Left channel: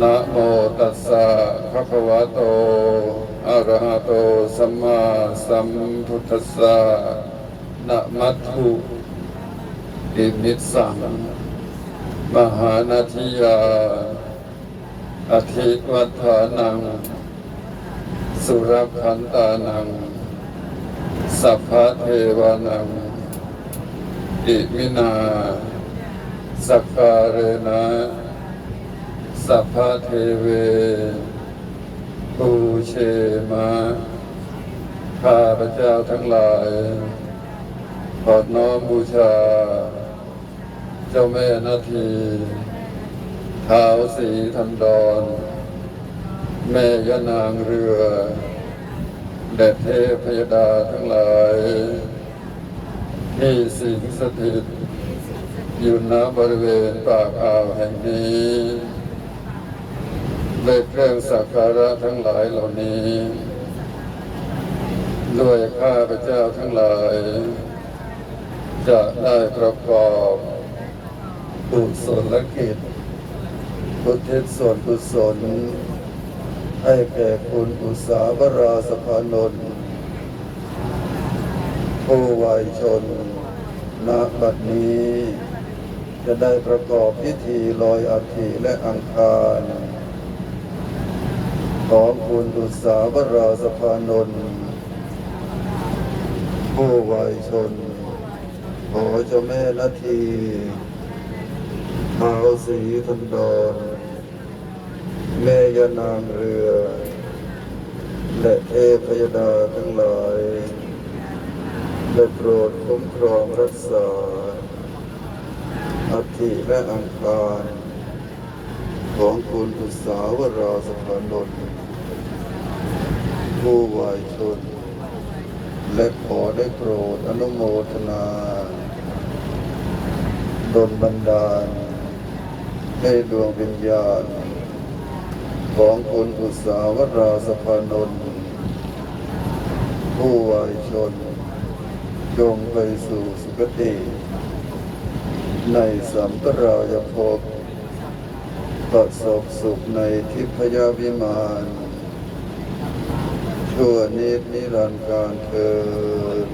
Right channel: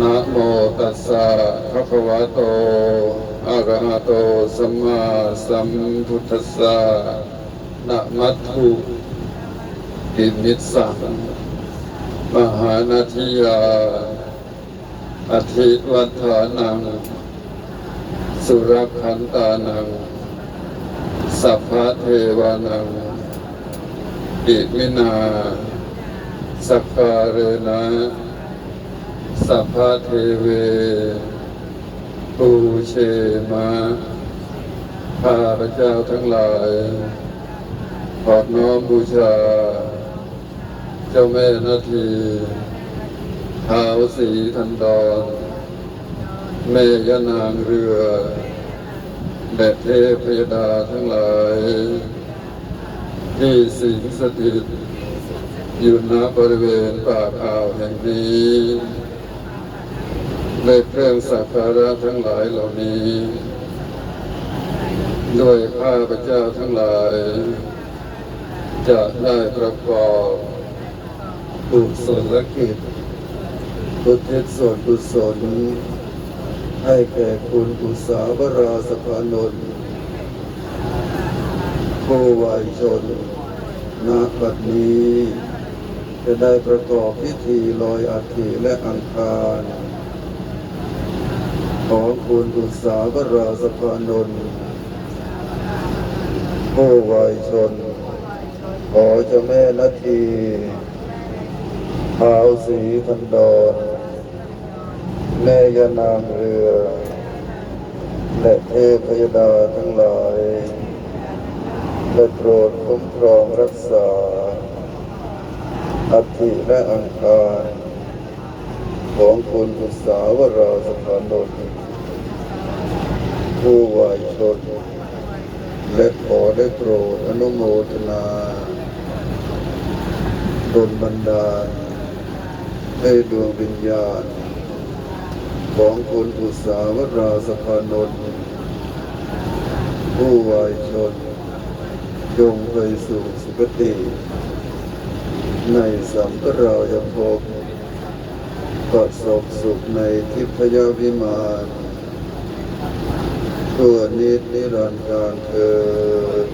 นะโมตัสสะภะคะวะโตอะระหะโตสัมมาสัมพุทธัสสะนะมัตถุอิมิสสังมหานาทิยาอธิวัฏานัง สุรคันตานัง สัพพะเทวานังอิมินา สักการเรนะ สัพพะเทเวปูเชมาข้าพระเจ้าทั้งหลายขอน้อมบูชา เจ้าแม่นาทีเท้าวสีทันดอนแม่ยานางเรือแม่เทพยดาทั้งหลาย ที่สิงสถิตอยู่ณบริเวณป่าข่าวแห่งนี้ ได้เครื่องสักการะทั้งหลายเหล่านี้ ด้วยข้าพระเจ้าทั้งหลาย จะได้ประกอบกุศลกิจอุทิศส่วนกุศล ให้แก่คุณอุสาวราสภานนท์ผู้วายชนณบัดนี้ จะได้ประกอบพิธีลอยอัฐิและอังคาร ขอคุณอุสาวราสภานนท์ผู้วายชน ขอเจ้าแม่นาทีท้าวสีทันดอนแม่ยานางเรือ และเทพยดาทั้งหลายได้โปรดคุ้มครองรักษาอัฐิและอังคาร ของคุณอุตสาวราสถานนท์ผู้วายชน และขอได้โปรดอนุโมทนาดลบันดาลให้ดวงวิญญาณ ของคุณอุตสาวราสภานนท์ผู้วายชนจงไปสู่สุคติ ในสัมปรายภพ ประสบสุขในทิพยวิมานตัวนิดนิรันดร์การเกิด